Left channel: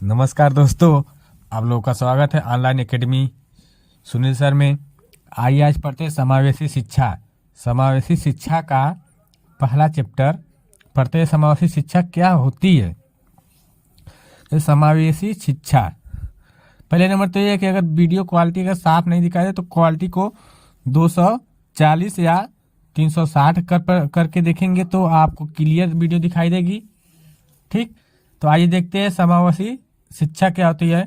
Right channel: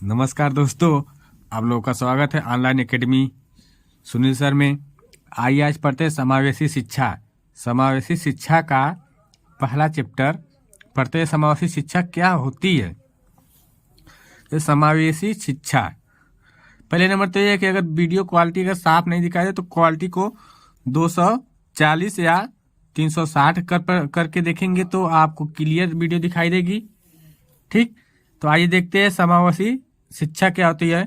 नमस्कार दोस्तों, आप लोगों का स्वागत है ऑनलाइन एकेडमी सुनील सर में। आइए आज पढ़ते हैं समावेशी शिक्षा। समावेशी शिक्षा का पहला चैप्टर पढ़ते हैं। समावेशी शिक्षा क्या होती है? तो समावेशी शिक्षा, पहले नंबर तो ये है कि अगर वीडियो क्वालिटी अगर साफ नहीं दिखाई दे तो क्वालिटी को 240 या 360 करके देखेंगे तो आपको क्लियर वीडियो दिखाई देगी। ठीक, तो आइए देखते हैं समावेशी शिक्षा क्या होती है।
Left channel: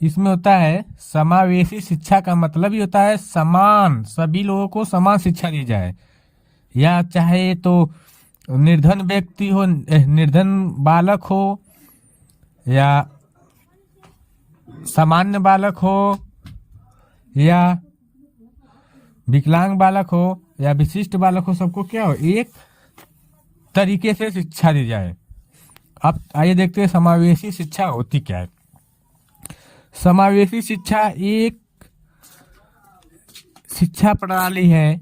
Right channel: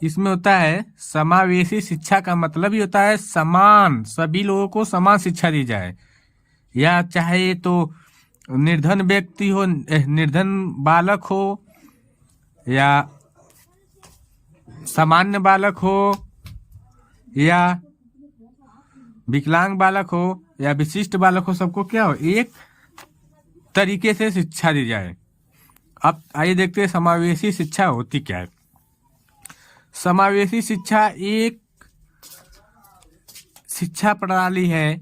इसमें होता है समावेशी शिक्षा का मतलब ही होता है समान, सभी लोगों को समान शिक्षा दी जाए, या चाहे तो निर्धन व्यक्ति हो, निर्धन बालक हो, या सामान्य बालक हो, या विकलांग बालक हो, या विशिष्ट बालक हो, सबको क्या हो, एक तरीके से शिक्षा दी जाए। अब आइए देखते हैं समावेशी शिक्षा होती क्या है। समावेशी शिक्षा एक शिक्षा प्रणाली है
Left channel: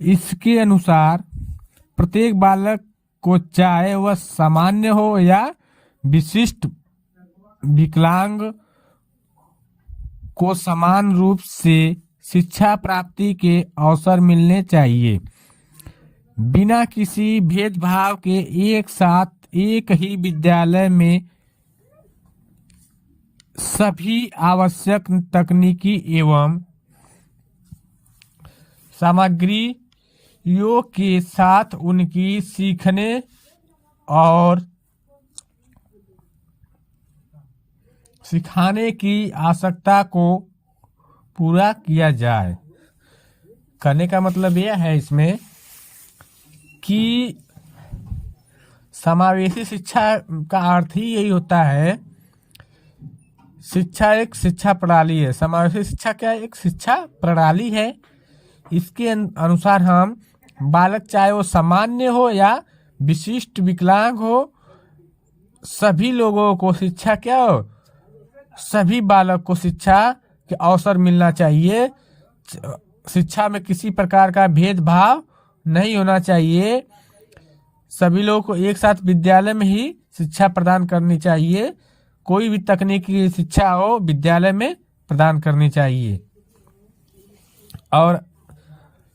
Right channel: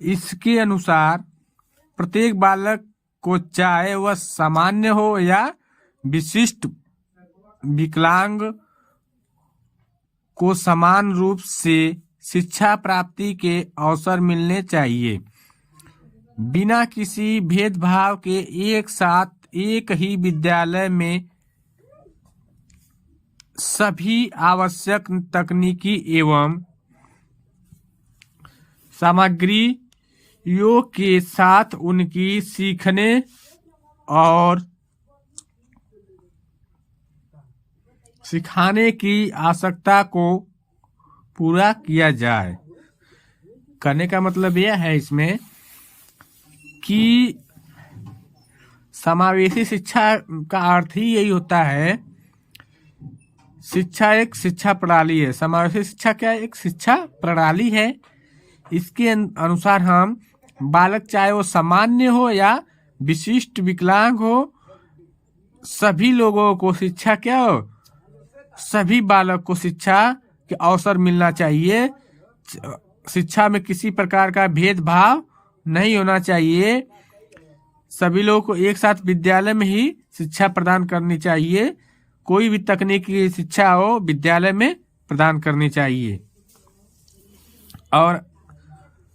इसके अनुसार प्रत्येक बालक को चाहे वह सामान्य हो या विशिष्ट विकलांग को समान रूप से शिक्षा प्राप्ति के अवसर मिलने चाहिए, बिना किसी भेदभाव के। एक साथ एक ही विद्यालय में सभी आवश्यक तकनीकी एवं सामग्रियों के साथ उनकी सीखने और सिखाने की आवश्यकता को पूरा किया जाए। करने का मतलब यह है इसमें कि समावेशी शिक्षा का अर्थ ही यही होता है। शिक्षा एक शिक्षा प्रणाली है। समावेशी शिक्षा क्या है? एक शिक्षा प्रणाली है। इसके अनुसार हम बालक चाहे वो सामान्य हो या विशिष्ट विकलांग हो, सभी लोगों को शिक्षा क्या हो, सभी बालक को शिक्षा के अवसर मिलना चाहिए। शिक्षा में किसी प्रकार का भेदभाव नहीं होना चाहिए। सभी लोगों को एक साथ विद्यालय में ही शिक्षा प्रदान करनी चाहिए। कोई भी तकनीकी शिक्षा हो विद्यालय में प्रदान करनी चाहिए। और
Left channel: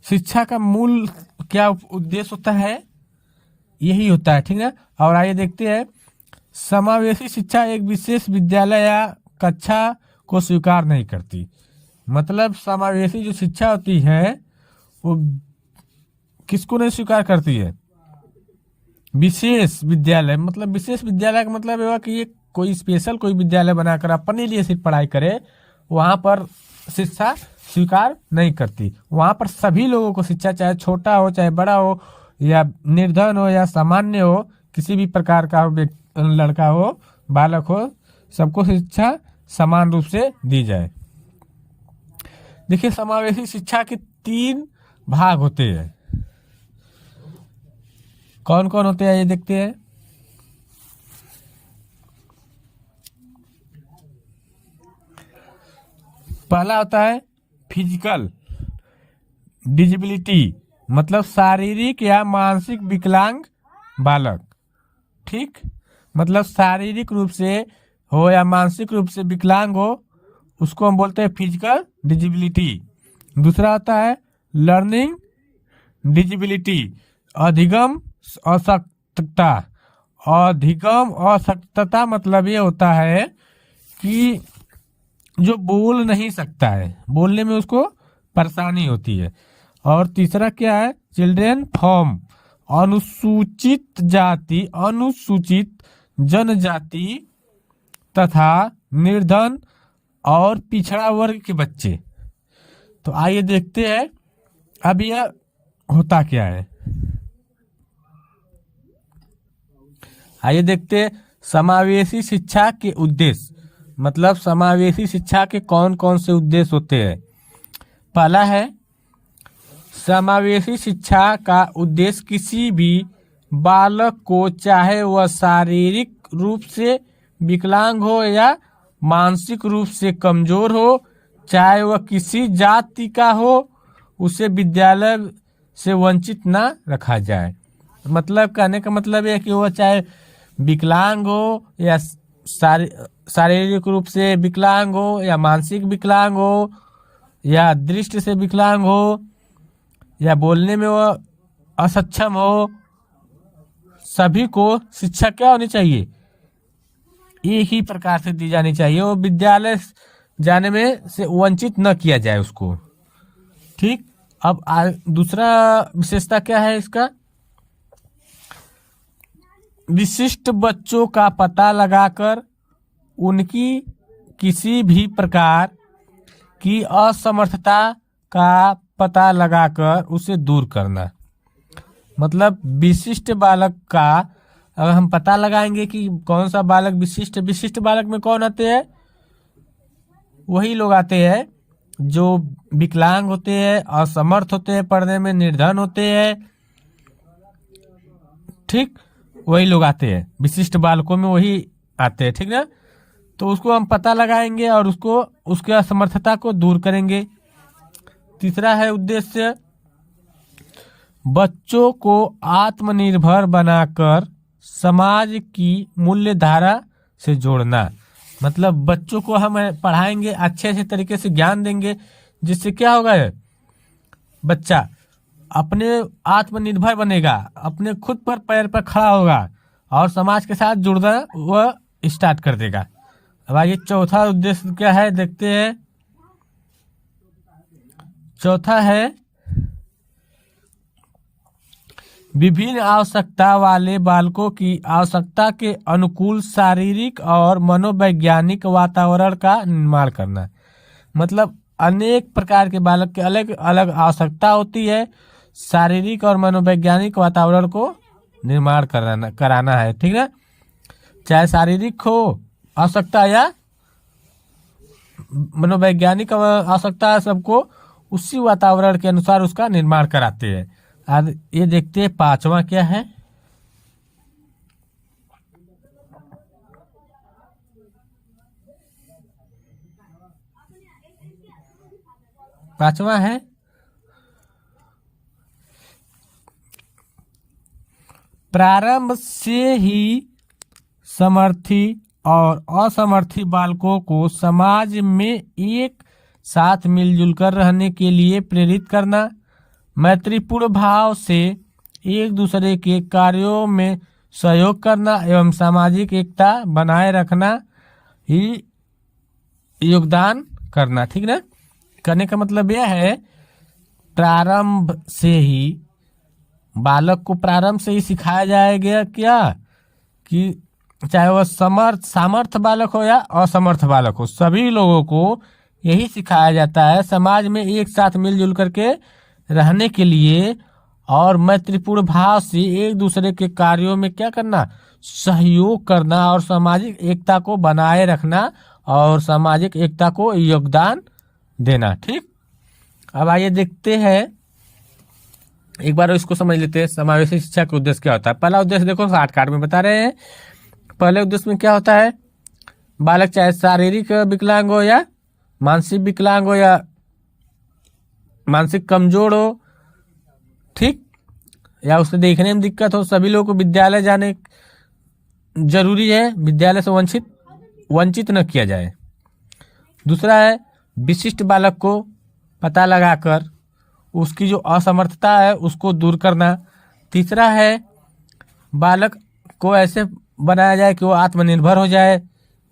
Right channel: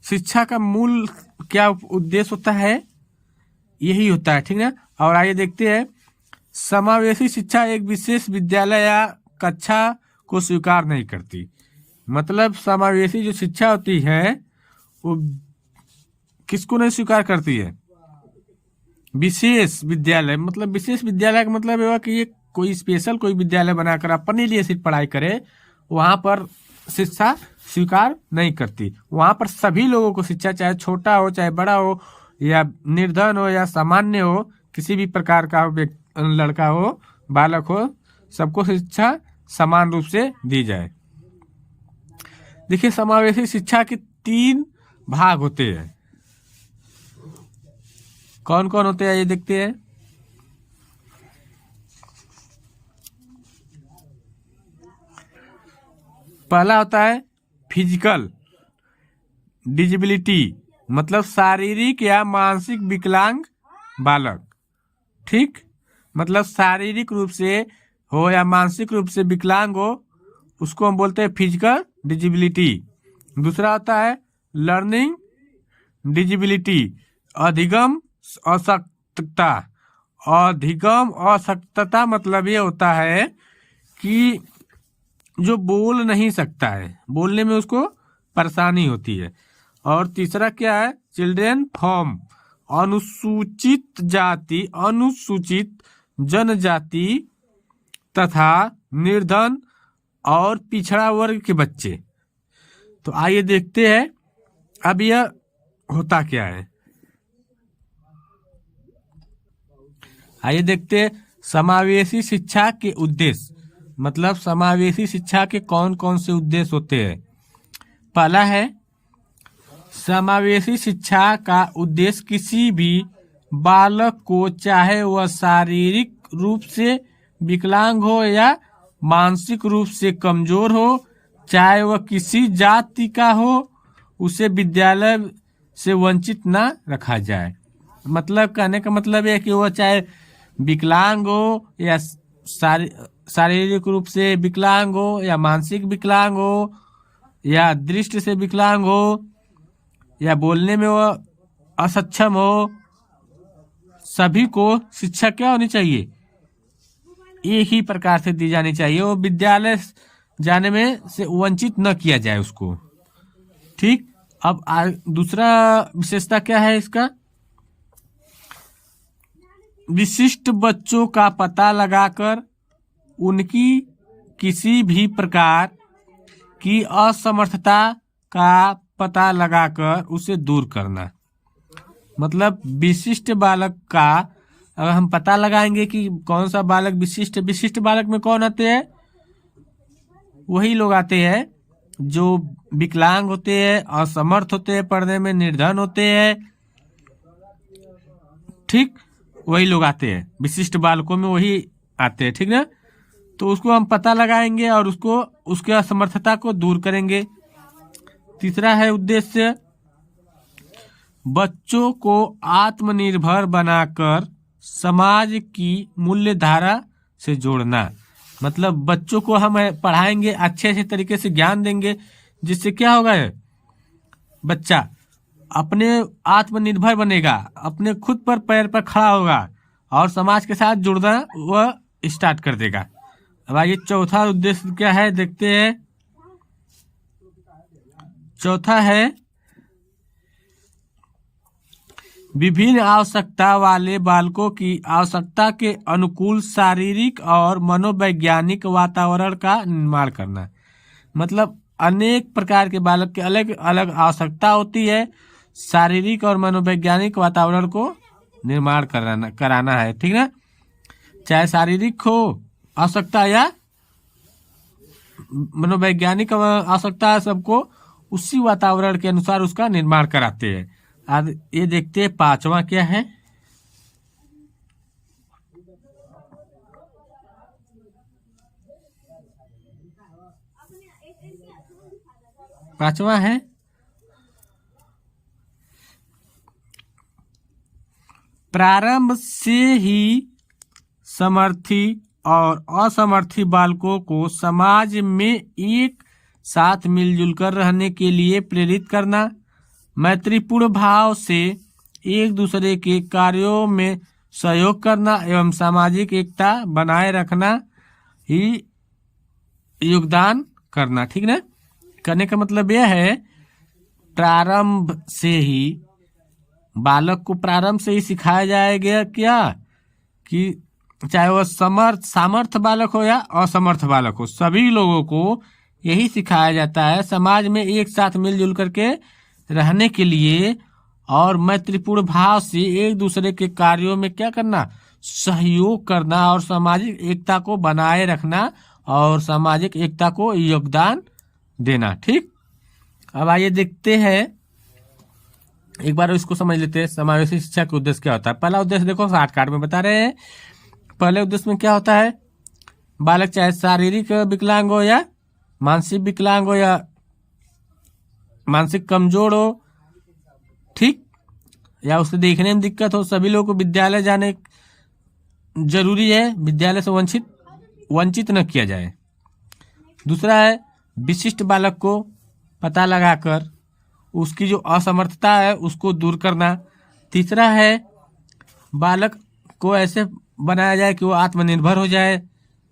शिक्षा का मूल क्या उद्देश्य होता है, यही होता है। ठीक है, और आइए देखते हैं। समावेशी शिक्षा एक विशेष विद्यालय या कक्षा को स्वीकार नहीं करती। मतलब समावेशी जो शिक्षा होती है वो किसको नहीं स्वीकार करती है? विशेष विद्यालय। मतलब विशेष विद्यालय का मतलब यह कि ये कोई स्पेशल कोई विद्यालय बनाकर अपने लिए सिर्फ पढ़ाई करे, वहां पर शिक्षा स्वीकार नहीं करती। वहां पर सभी लोगों को शिक्षा, चाहे छोटा हो चाहे बड़ा हो, या निर्धन हो या सामान्य हो, किसी भी प्रकार का लड़का हो बालक हो, सबको शिक्षा समान रूप से दी जाए। देखिए, समावेशी शिक्षा के 3 भाग होते हैं। कौन कौन होते हैं ये देखते हैं। पहला होता है फिजिकल डिजेबिलिटी, मतलब शारीरिक या मानसिक विकलांग बालक। ठीक, मतलब शारीरिक रूप से हो या मानसिक रूप से विकलांग हो, उसको हम बोलते हैं फिजिकल डिजेबिलिटी। दूसरा होता है लर्निंग डिजेबिलिटी, अधिगम अशक्तता। अधिगम अशक्तता मतलब ये होता है कि जो बोल नहीं सकता है, बोलने में उसको परेशानी होती है। और तीसरा क्या है, चिल्ड्रन फ्रॉम अनुसूचित जाति, अनुसूचित जनजाति तथा निर्धन और पिछड़ा वर्ग के बच्चे। तो आइए देखते हैं अब यह होता क्या है। आइए देखते हैं समावेशी शिक्षा के उद्देश्य। मतलब समावेशी शिक्षा के कौन कौन से उद्देश्य होते हैं। पहला है, समावेशी शिक्षा का उद्देश्य किसी भी बालक को, चाहे वह शारीरिक रूप से विकलांग हो या मानसिक रूप से कमजोर हो, चाहे वह किसी जाति का हो, उसे विद्यालय से वंचित ना रखा जाए। मतलब कहने का मतलब है कि वो चाहे विकलांग हो या शारीरिक रूप से विकलांग हो या मानसिक विकलांग हो या दृष्टि से विकलांग हो या बोलने में वो असक्षम हो, सभी को शिक्षा क्या होनी चाहिए, एक ही प्रकार से दी जानी चाहिए। वो विद्यालय जाने में से वंचित न किया जाए उसको। ठीक। अब दूसरा विशेषता क्या है इसका, विशिष्ट बच्चों का पता लगाकर उनकी किसी भी प्रकार की असमर्थता का पता लगाकर उसे दूर करना। मतलब विशिष्ट बालक का अगर हम पता लगाएंगे कि कौन सा बालक विशिष्ट बालक में कौन आते हैं, वही लोग आते हैं जो विकलांग होते हैं, असमर्थ होते हैं, पढ़ने में निर्धन होते हैं। ठीक, वही लोग आते हैं, विशिष्ट बालकों में वही आते हैं। ठीक ना। तो उसको हम पता लगाएंगे और उसको उसके असमर्थता को दूर करेंगे। तीसरा है उद्देश्य, बच्चों को आत्मनिर्भर बनाकर समाज की मूल्य धारा से जोड़ना। मतलब बच्चों को हम पढ़ाएंगे, अच्छे तरीके से ज्ञान देंगे, जिससे क्या होगा, बच्चा अपने आत्मनिर्भर बनेगा, अपने खुद पर पैर पर खड़ा होगा और समाज के साथ जुड़ना वह स्टार्ट कर देगा। अब आइए चौथा उद्देश्य क्या है देखते हैं। चौथा है विभिन्न आवश्यकता वाले बालकों की आवश्यकता के अनुकूल शारीरिक और मनोवैज्ञानिक वातावरण का निर्माण करना। मतलब अनेक प्रकार के बालक के अलग अलग आवश्यकता होती है, शारीरिक और मनोवैज्ञानिक वातावरण को निर्माण कराना है। ठीक है, चाहे शारीरिक हो आवश्यकता या मनोवैज्ञानिक आवश्यकता, सबको उसी वातावरण के अनुसार उसका निर्माण कराते हैं। आज ये देखते हैं पांचवा क्या है। पांचवा है प्रारंभ से ही समर्थी और असमर्थी बालकों को समाज में एक साथ मिलजुल कर रहने के लिए प्रेरित करना, मैत्रीपूर्ण भाव से एक दूसरे के कार्यों में सहयोग करना एवं सामाजिक एकता बनाए रखना ही योगदान करना। ठीक ना। करने का मतलब यह है प्रारंभ से ही बालक को प्रारंभ से ही सिखाया जाएगा क्या कि चाहे वह सामर्थ बालक हो या असमर्थ बालक हो, सभी लोगों को यही सिखाया जाता है समाज में एक साथ मिलजुल करके रहने के लिए और मैत्रीपूर्ण भाव से एक दूसरे के कार्यों में क्या करना, सहयोग करना और सामाजिक एकता को बनाए रखना और सामाजिक एकता को योगदान देना। ठीक। अब आइए देखते हैं, एक बार इसको समझ लेते हैं समावेशी शिक्षा का उद्देश्य क्या होता है। पहला उद्देश्य देखो शॉर्टकट में बता रहे हैं। पहले उद्देश्य में क्या होता है, बालक चाहे शारीरिक विकलांग हो या मानसिक विकलांग हो या मानसिक कमजोर हो, ठीक, या उसे देखने में दिक्कत हो, सभी लोगों को विद्यालय जाने जरूरी है, विद्यालय से वंचित न किया जाए। दूसरा है विशिष्ट बालक को पता लगाकर उसकी जो असमर्थता है उसको दूर करना। तीसरा है बालक को ऐसे बनाया जाए कि वो आत्मनिर्भर हो जाए।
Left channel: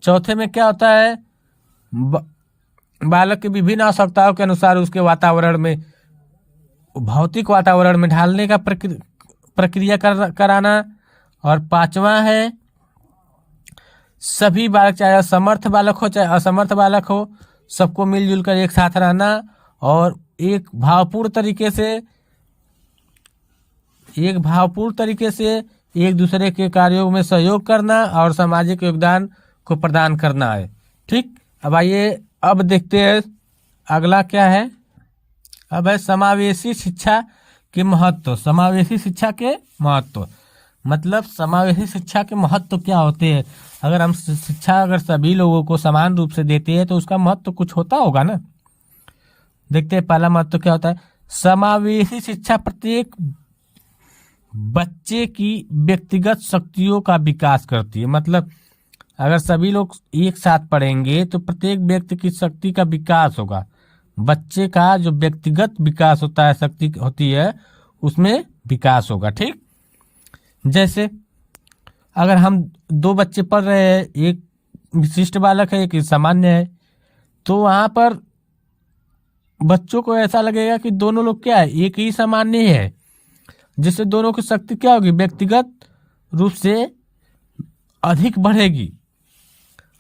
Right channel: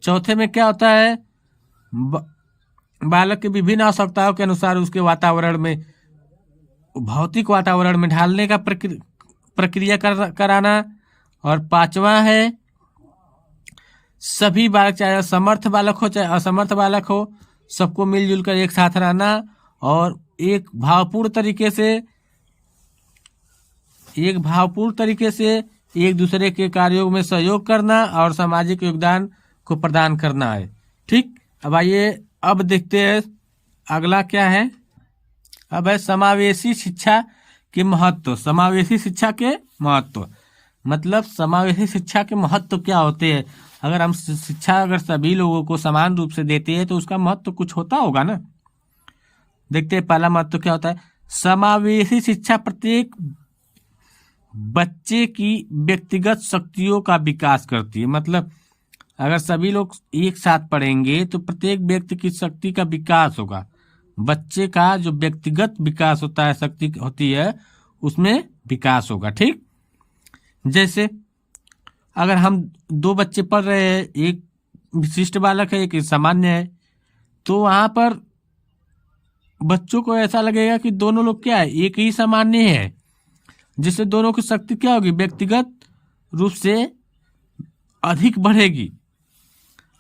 चौथे में क्या होता है, बालक की विभिन्न आवश्यकताओं के अनुसार उसके वातावरण में, भौतिक वातावरण में ढालने का प्रक्रिया कराना। और पांचवा है सभी बालक चाहे समर्थ बालक हो चाहे असमर्थ बालक हो, सबको मिलजुल कर एक साथ रहना और एक भावपूर्ण तरीके से एक दूसरे के कार्यों में सहयोग करना और सामाजिक योगदान को प्रदान करना है। ठीक। अब आइए अब देखते हैं अगला क्या है। अब है समावेशी शिक्षा के महत्व। समावेशी शिक्षा के महत्व मतलब समावेशी शिक्षा के महत्व क्या होते हैं। अगर हम शिक्षा अगर सभी लोगों को समान रूप से देते हैं तो उसका महत्व कुछ होता होगा ना। देखते हैं पहला महत्व क्या होता है, समावेशी शिक्षा प्रत्येक बच्चे की व्यक्तिगत शक्तियों का विकास करती है। मतलब अगर सभी लोग एक साथ पढ़ेंगे तो प्रत्येक व्यक्ति की शक्ति का विकास होगा। बच्चे का जो व्यक्तिगत विकास होता है, शक्ति होती है, उसमें विकास होगा। ठीक, जैसे अगर हम दो बच्चे पढ़ रहे हैं, एक विशिष्ट बालक है, एक सामान्य है, तो वहां पर बच्चों को ऐसा लगेगा कि दोनों लोग क्या है, एक ही सामान्य है, जिससे दोनों की शक्ति क्या होगी, व्यक्तिगत रूप से अधिक बढ़ेगी।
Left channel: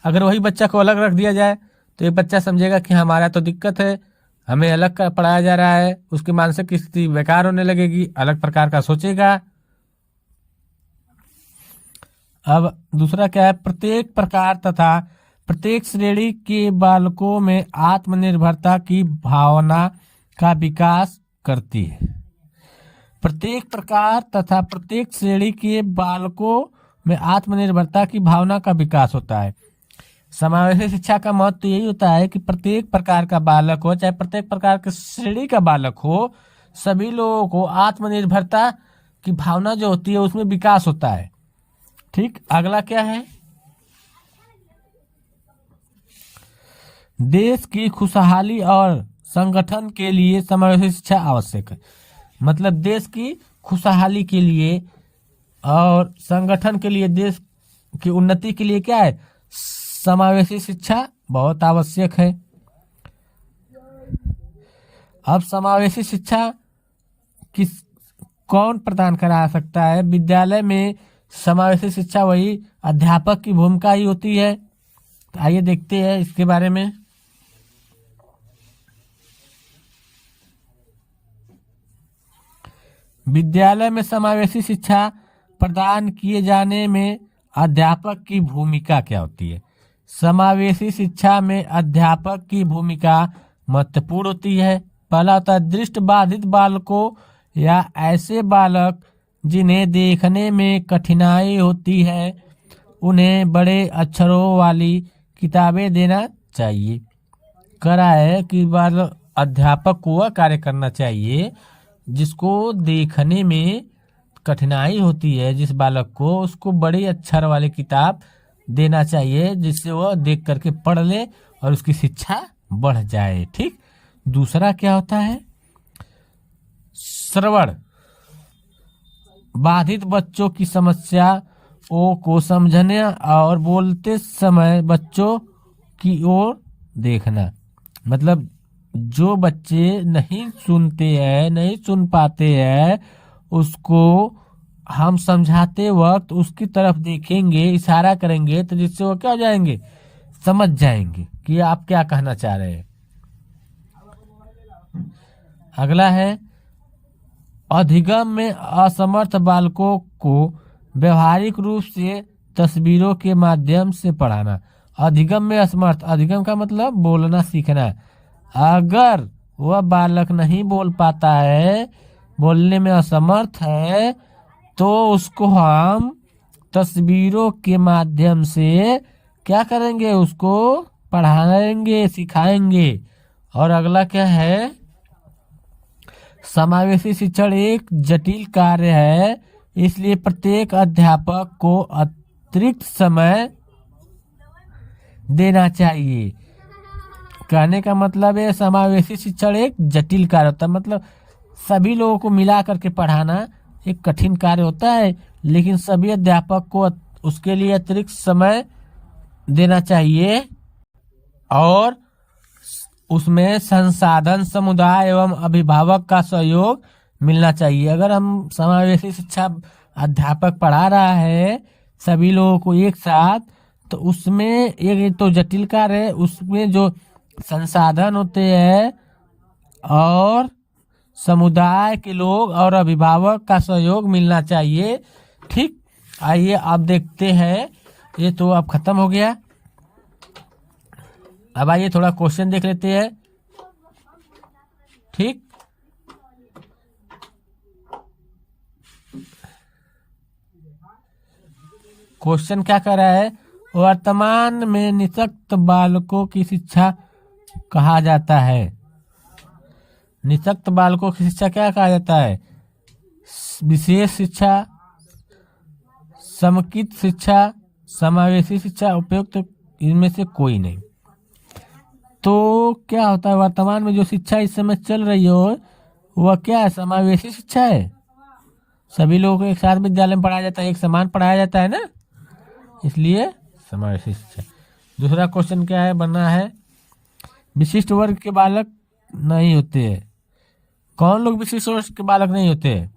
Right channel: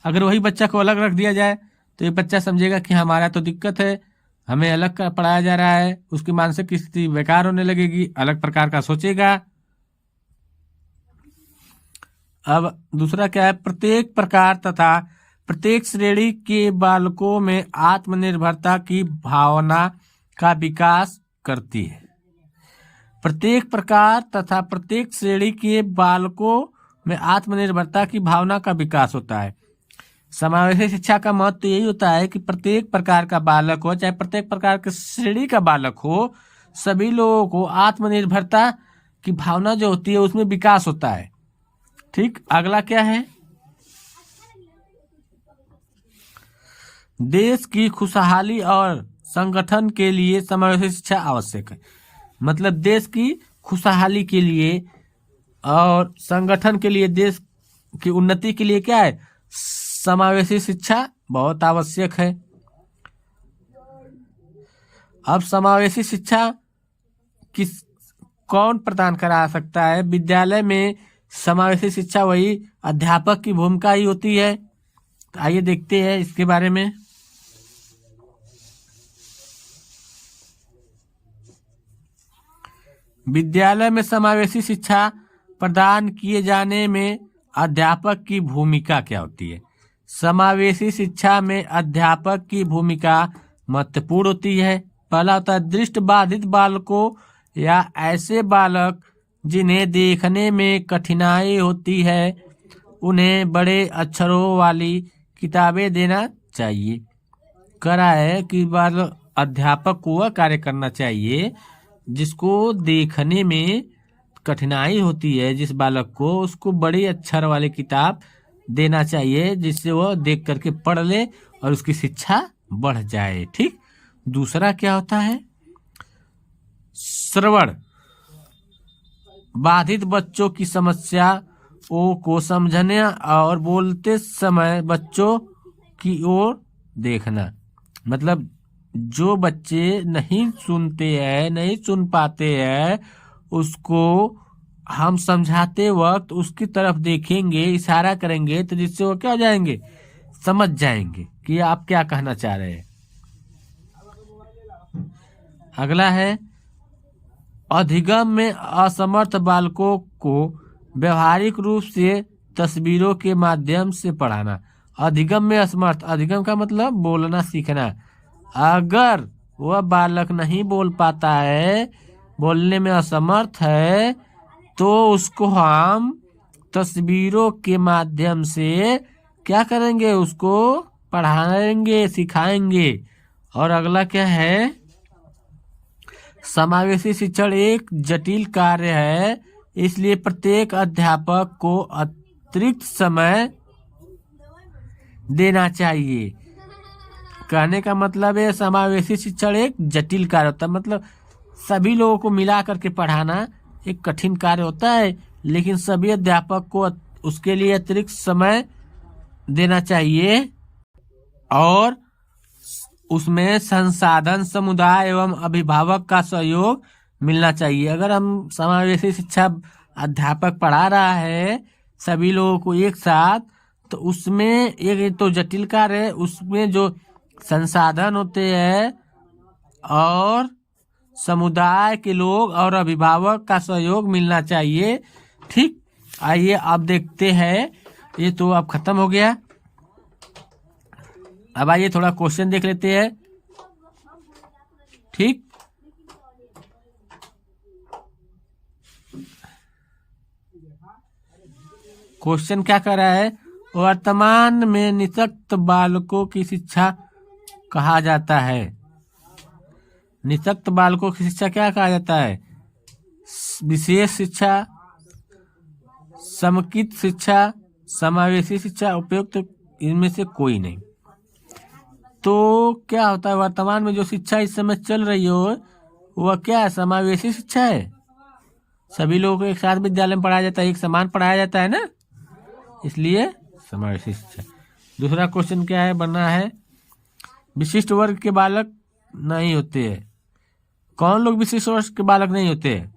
अगर वही बच्चा को अलग रख दिया जाए तो ये बच्चा समझेगा कि हमारा तो दिक्कत है, हमें अलग का पढ़ाया जा रहा है, उसकी मानसिक स्थिति बेकार होने लगेगी, अलग प्रकार का सोचेगा। अब दूसरा क्या है, प्रत्येक प्रकार तथा प्रत्येक श्रेणी के बालकों में आत्मनिर्भरता की भावना का विकास करती है। प्रत्येक प्रकार तथा प्रत्येक श्रेणी के बालकों में आत्मनिर्भरता की भावना का विकास होता है। समावेशी शिक्षा का महत्व यही होता है कि प्रत्येक प्रकार का बालक हो, चाहे प्रत्येक प्रकार के श्रेणी का बालक हो, सभी लोगों को आत्मनिर्भरता की भावना जो होती है उसमें विकास होता है। ठीक, अगला क्या है, देश की खुशहाली और संगठन के लिए समावेशी शिक्षा आवश्यक है। मतलब देश की खुशहाली के लिए और संगठन के लिए, देश की उन्नति के लिए क्या है, समावेशी शिक्षा बहुत आवश्यक है। अब समावेशी शिक्षा किस कौन प्रदान करा सकता है? विद्यालय में समावेशी शिक्षा वही अध्यापक की भूमिका ही होती है। तो आइए देखते हैं इसके बारे में। विद्यालय में समावेशी शिक्षा प्रदान किए जाने में अध्यापक की भूमिका क्या होती है? समावेशी शिक्षा में अध्यापक की भूमिका महत्वपूर्ण होती है। पहला होता है दृष्टि बाधित बालकों या ऐसे बालक जिन्हें देखने में कठिनाई होती है, उन्हें बड़े अक्षरों वाली किताबें देना चाहिए। करा है कि बाल अध्यापक को वह कार्य करना चाहिए जिसको देखने में कठिनाई होती है, जिस बालक को, उसको बड़े अक्षर वाली किताब देना चाहिए, जिससे वह देख करके पढ़ ले और उसकी शिक्षा बढ़ जाए। ठीक, दूसरा क्या होता है, श्रवण बाधित बच्चों की समस्याओं को समझने और बोलते समय बच्चों की ओर देखना। मतलब जो बच्चे नहीं सुनते हैं, नहीं सुन पाते हैं, उसको हम समझाते वक्त उसकी तरफ देखेंगे, इशारा करेंगे, तो जिससे वो क्या हो जाएंगे, समझ जाएंगे कि आप क्या कहना चाह रहे हैं। अगला है अधिगम में असमर्थ बालकों को व्यवहारिक रूप से तस्वीरों के माध्यम से पढ़ाना। अधिगम में असमर्थ, अधिगम का मतलब बोलना सीखना। अगर वह बालक नहीं बोल पाता है, बोलने में असमर्थ है, तो उसको हम तस्वीरों के माध्यम से क्या करेंगे, उसको पढ़ाएंगे, सिखाएंगे। और अगला क्या है, समावेशी शिक्षण एक जटिल कार्य है, इसलिए प्रत्येक अध्यापक को अतिरिक्त समय देना चाहिए। कहने का मतलब है समावेशी शिक्षण एक जटिल कार्य होता है, मतलब सभी लोगों को मिला करके पढ़ाना एक कठिन कार्य होता है, लेकिन सभी अध्यापक को उसके लिए अतिरिक्त समय देना चाहिए और उसमें संसाधन, समुदाय एवं अभिभावक का सहयोग मिलना चाहिए। अगर हम समावेशी शिक्षा अध्यापक पढ़ा रहा है सभी लोगों को एक साथ, तो उसमें एक तो जटिल कार्य है, उसमें जो संसाधन होते हैं और समुदाय के लोग और अभिभावक का सहयोग मिलना चाहिए। ठीक, आइए अब देखते हैं, ये तो अब खत्म हो गया। अब आइए थोड़ा क्वेश्चन देख लेते हैं। ठीक, क्वेश्चन क्या कर रहा है, वर्तमान में निःशक्त बालकों की शिक्षा कहा जाता है। निःशक्त बालकों की शिक्षा क्या कहा जाता है? विशेष शिक्षा, समुचित शिक्षा, समावेशी शिक्षा, उपयुक्त, इनमें से कोई नहीं। तो क्या होता है, वर्तमान में जो शिक्षा इस समय चल रही हो वह क्या है? समावेशी शिक्षा है। सभी लोगों को एक साथ विद्यालय में पढ़ाया जाता है, एक समान पढ़ाया जाता है ना, इसलिए समावेशी शिक्षा। दूसरा क्वेश्चन क्या है बना है, विशिष्ट वर्ग के बालक नहीं होते हैं। कौन लोग विशिष्ट वर्ग के बालक नहीं होते?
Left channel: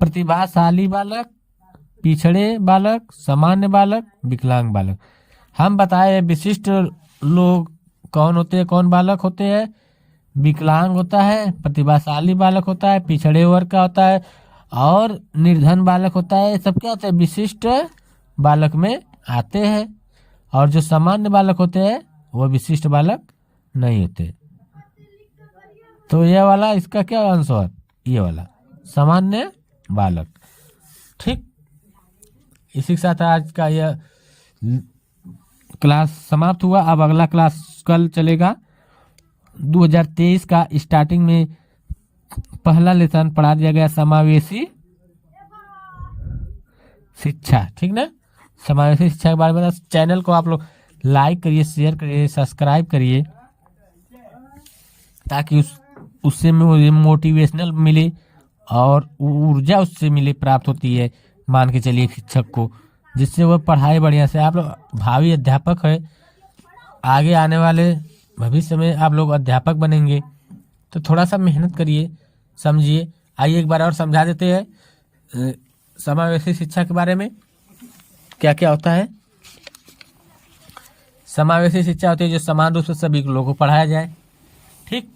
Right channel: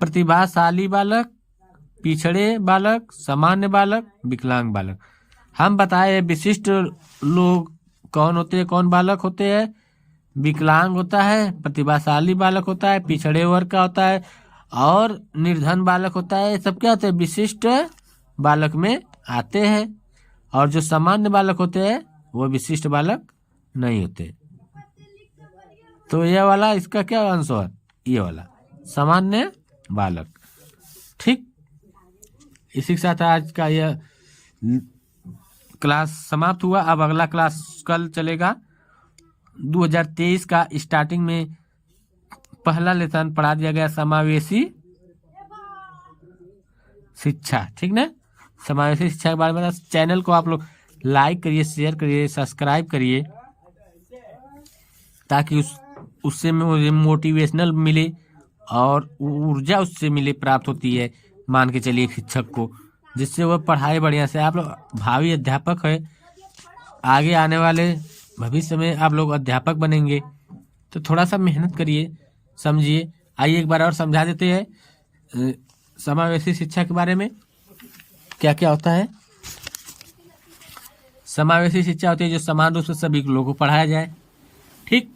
प्रतिभाशाली बालक, पिछड़े बालक, सामान्य बालक, विकलांग बालक। हम बताए विशिष्ट लोग कौन होते हैं, कौन बालक होते हैं? विकलांग होता है, प्रतिभाशाली बालक होता है, पिछड़े वर्ग का होता है और निर्धन बालक होता है। सब क्या होते हैं? विशिष्ट बालक में आते हैं। और जो सामान्य बालक होते हैं वो विशिष्ट बालक नहीं होते। तो यह वाला इसका क्या आंसर? ये वाला सामान्य बालक। ठीक, इसी के साथ आज का यह क्लास समाप्त हुआ। अब अगला क्लास कल चलेगा। 2023 का स्टार्टिंग में पहला लेसन पढ़ा दिया गया समावेशी शिक्षा। ठीक ना, समावेशी शिक्षा के बारे में। चैनल को आप लोग लाइक करिए, शेयर करिए, सब्सक्राइब करिए, ताकि उससे मुझे मोटिवेशनल मिले और ऊर्जा उससे मिले, प्राप्त होती है मान के चलिए शिक्षक को, जिससे वो पढ़ाए बढ़िया से। आप लोग भावी अध्यापक है, आगे आने वाले भविष्य में आप लोग अध्यापक बनेंगे, तो थोड़ा सा मेहनत करिए, समझिए। आइए एक बार और समझा देते हैं समावेशी शिक्षा के बारे में क्या क्या होता है। समावेशी शिक्षा होती है जो समान रूप से सभी लोगों को पढ़ाया जाए। ठीक,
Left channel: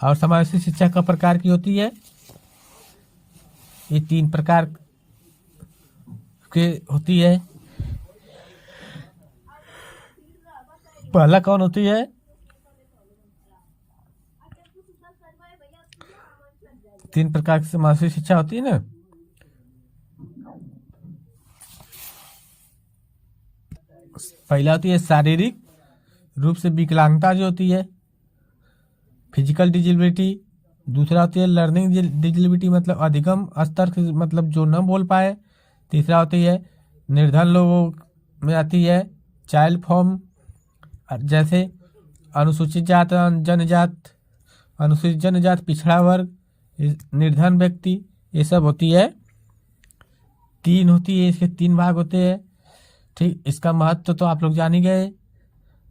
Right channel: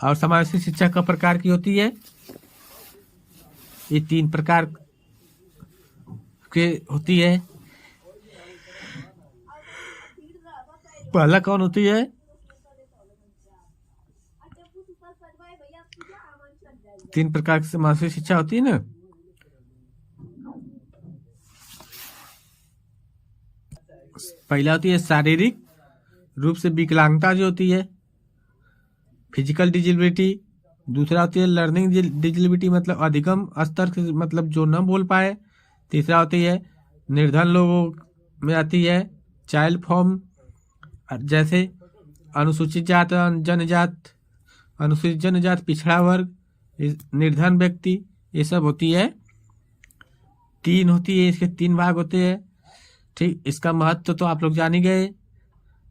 और समावेशी शिक्षा का प्रकार की होती है, ये 3 प्रकार के होती है। पहला कौन होती है? तीन प्रकार की समावेशी शिक्षा होती है ना। पहला होती है शारीरिक रूप से विकलांगता जो होती है, फिजिकल डिजेबिलिटी। दूसरा होती है लर्निंग डिजेबिलिटी, मतलब अधिगम स्तर की, मतलब जो न बोल पाए। तीसरा होती है निर्धन लोगों में आती है चाइल्ड फॉर्म, जैसे अनुसूचित जात, जनजात, पिछड़ा वर्ग, निर्धन व्यक्ति, ये सब होती है। 3 होती है, इसके 3 भाग होते हैं। ठीक, इसका महत्व तो आप लोग जान ही गए।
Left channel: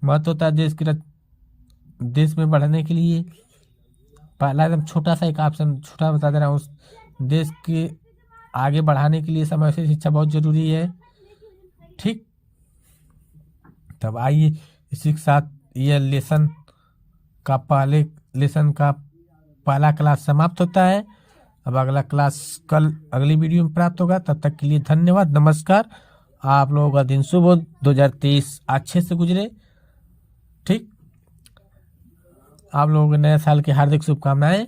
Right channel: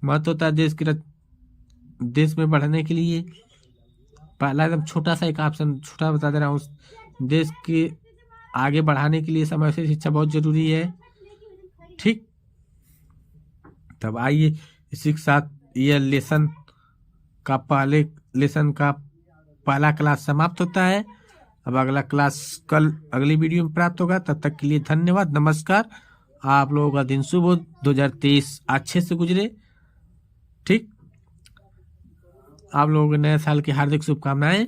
महत्व होता है देश में बढ़ने के लिए। पहला एकदम छोटा सा एक ऑप्शन छोटा बता दे रहा हूँ, देश के आगे बढ़ाने के लिए समावेशी शिक्षा बहुत जरूरी है। ठीक, तब आइए इसी के साथ ये लेसन का पहला क्लास समाप्त होता है। अब अगला क्लास कल अगली वीडियो में प्राप्त होगा। तब तक के लिए धन्यवाद, नमस्कार। आप लोगों का दिन शुभ हो, 2023 अच्छे से गुजरे। ठीक, आप लोगों को नए साल की हार्दिक शुभकामनाएं।